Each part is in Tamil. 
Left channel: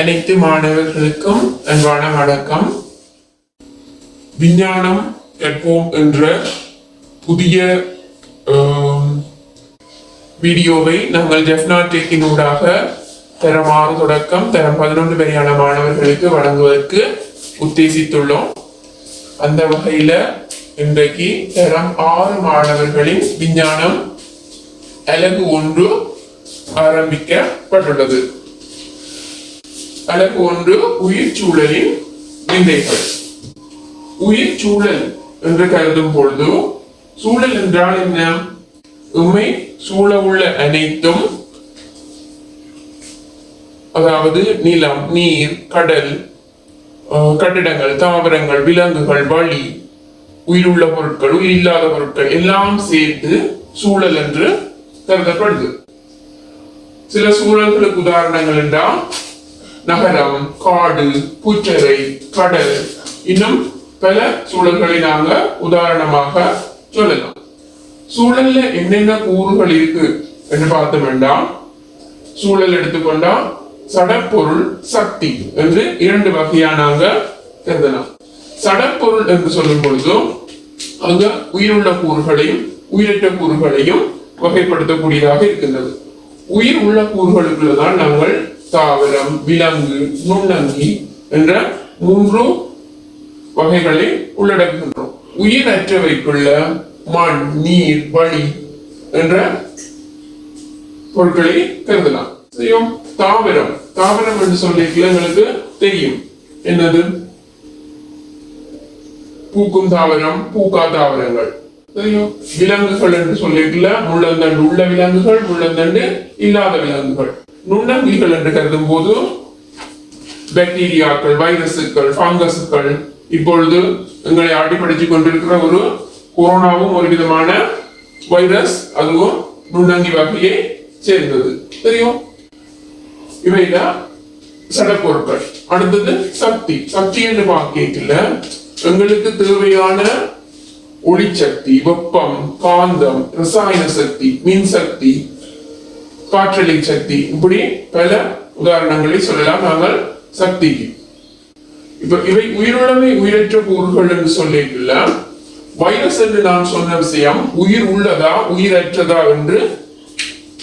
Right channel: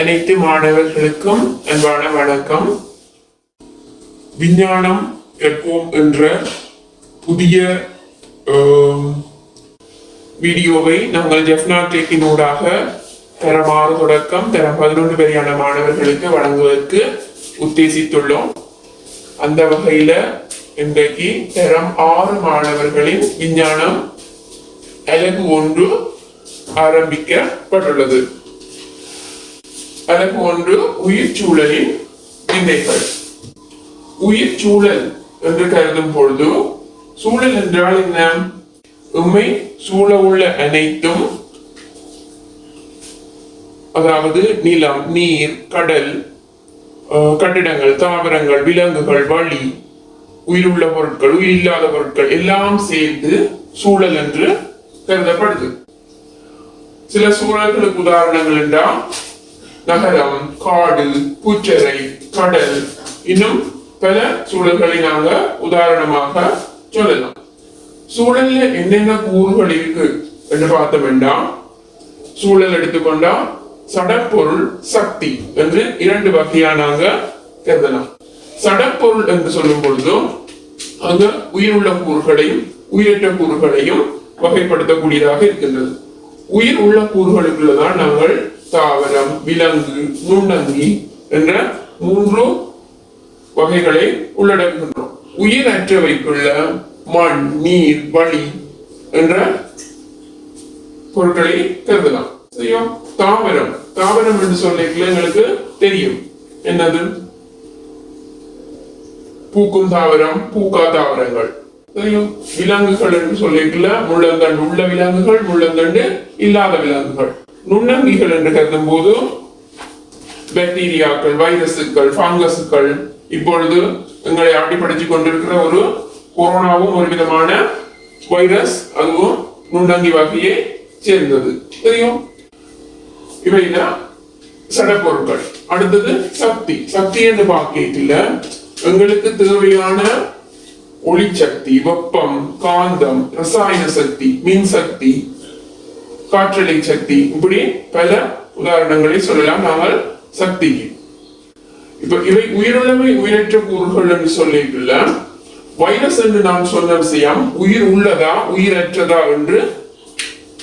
அனைத்து மாணவர்களுக்கும் அன்பான வணக்கம். விஞ்ஞானம் கற்போம் என்ற புதிய வீடியோவை நாங்கள் ஜெஃப்னா டெக்கினூடாக தரம் 6 தொடக்கம் தரம் 11 வரையான மாணவர்களுக்கு வழங்குவதற்கு உத்தேசித்துள்ளோம். அந்த வகையில இன்றைக்கு தரம் 6 மாணவர்களின் விஞ்ஞானம் அலகு 1 ஆரம்பிக்கப்பட்டுள்ளது. அலகு 1 உயிர் சூழலின் விந்தைகள். உயிர் சூழல் என்று கருதும் பொழுது சூழல் என்றால் என்ன? உண்மை சூழ உள்ள அனைத்தும், அதாவது நிலம், நீர், கடல், கட்டிடங்கள், தாவரங்கள், விலங்குகள், வளி, உயிருள்ள பொருட்கள், உயிர் இல்லாத பொருட்கள் எல்லாம் சேர்த்து சூழல் என்று கருதப்படுது. சில சூழல்களுக்கு உதாரணங்கள் என்றால் நகரம், காடு, புற்றரை, கடல், இன்னும் பல சூழல்களை நாங்க உதாரணமாக சொல்லலாம். சூழல்ல என்னென்ன கூறுகள் இருக்கு என்று பார்த்தோம்னா, சூழல் எடுத்துக்கொண்டா சடப்பொருள், சக்தி என்று 2 வகையா நாங்க கருதலாம். சடப்பொருள் என்று சொல்லும் பொழுது அங்க உயிருள்ள கூறுகளையும் உயிரற்ற கூறுகளையும் வகைப்படுத்தக்கூடியதாக இருக்கின்றது. உயிர் உள்ள கூறுகளுக்குள்ளதான் நாங்கள் தாவரம், விலங்கு, நுண்ணங்கி என்ற 3 வகைகளை உள்ளடக்குகின்றோம். உயிரற்றவைக்குள்ள மண், நீர், வளி என்ற பொருட்களை கருதலாம். தாவரம், தாவரம் என்று சொல்ல எங்களுக்கு தெரியும் என்னது? பூக்கும் தாவரம், பூக்கா தாவரங்கள். விலங்குகள் என்று சொல்லிக்கல முள்ளந்தண்டு உள்ள விலங்குகள், முள்ளந்தண்டு இல்லாத விலங்குகள். நுண்ணங்கிகள் என்று கருதும் போது பாக்டீரியாக்கள், வைரசுகள், பங்கசுகள், இப்பொழுது எங்களை ஆட்டிப்படைச்சு கொண்டிருக்கிற ஒரு கொரோனாவும் ஒரு விதமான வைரஸ், அதுவும் நுண்ணங்கி வகையை சேர்ந்தது. தெரியும். இவைதான் சடப்பொருட்கள். அடுத்தது சக்தி. சக்தி என்று பார்க்கல எங்களுக்கு தேவையான ஒளிச்சக்தி, வெப்பம், காந்தம், ரசாயன சக்தி, மின் சக்தி, காற்றலை சக்தி, இப்படி பல உதாரணங்களை சொல்லலாம் நாங்கள் சக்திக்கு. இப்ப இவை உயிருள்ளவை உயிரற்ற கூறுகள் என்று சொல்லிக்கல வைரஸ் என்று நான் சொன்ன விஷயம் உயிர் உள்ளதா உயிரற்றதா என்று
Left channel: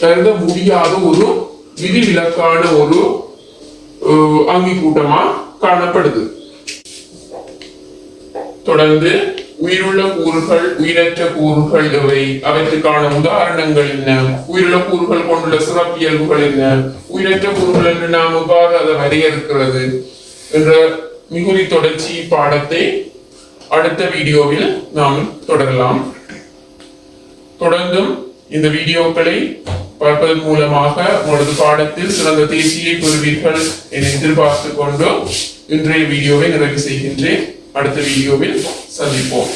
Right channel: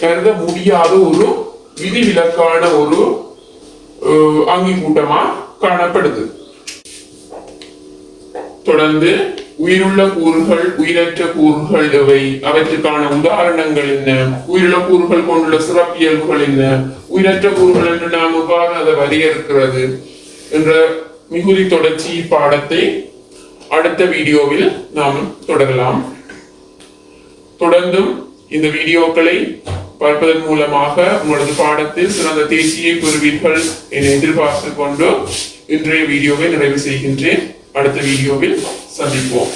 கருத முடியாத ஒரு விதிவிலக்கான ஒரு அங்கி கூட்டமா காணப்படுது. தொடர்ந்து உயிருள்ள கூறுகள், உயிரற்ற கூறுகள் எவை, அவற்றுக்கான உதாரணங்கள் என்ன, உயிருள்ள கூறுகள் கொண்டுள்ள சிறப்பியல்புகள் என்ன, உயிரற்ற கூறுகள் என்று நாம் எவ்வாறு அதை வரையறுக்கிறது என்ற மிகுதி தொடர்ச்சி பாடத்தை அடுத்த வீடியோவில் நாம் தொடரலாம். தொடர்ந்தும் இந்த வீடியோக்களை பார்ப்பதன் மூலமாக உங்களது பாடத்தில் சிறந்த தேர்ச்சியை பெறுவீர்கள் என எதிர்பார்த்துக் கொண்டு இன்றைய வீடியோவை நிறைவு செய்கின்றேன். அடுத்த வீடியோவில் சந்திப்போம்.